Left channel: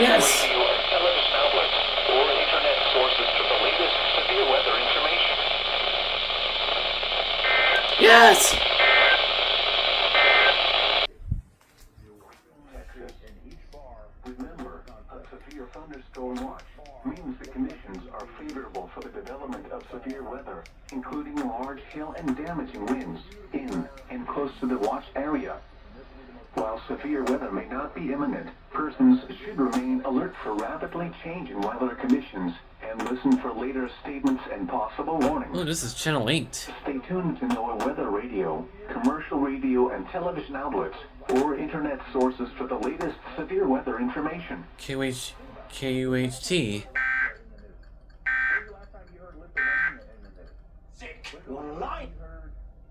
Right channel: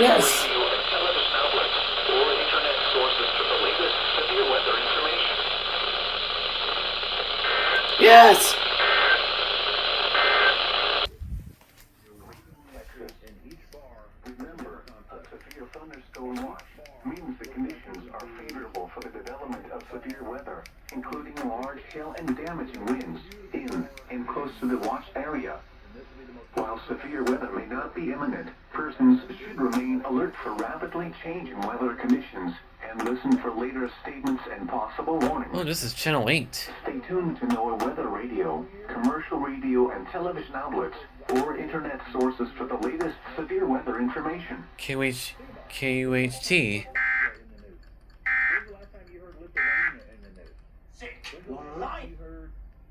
Yes. Radio and television outlets or internet sources for the latest severe weather information. Yes. Remember, a severe thunderstorm watch means the conditions are favorable for the development of severe weather, including large hail and damaging winds in and close to the watch area. While severe weather may not be imminent, persons should remain alert for rapidly changing weather conditions and listen for later statements and possible warnings. Oh, this is Channel 8. Stay tuned to NOAA weather radio, commercial radio and television outlets, or internet sources for the latest severe weather information. KUHT. When's the last time you heard Lithuania in the news? Sick. When's the last time you heard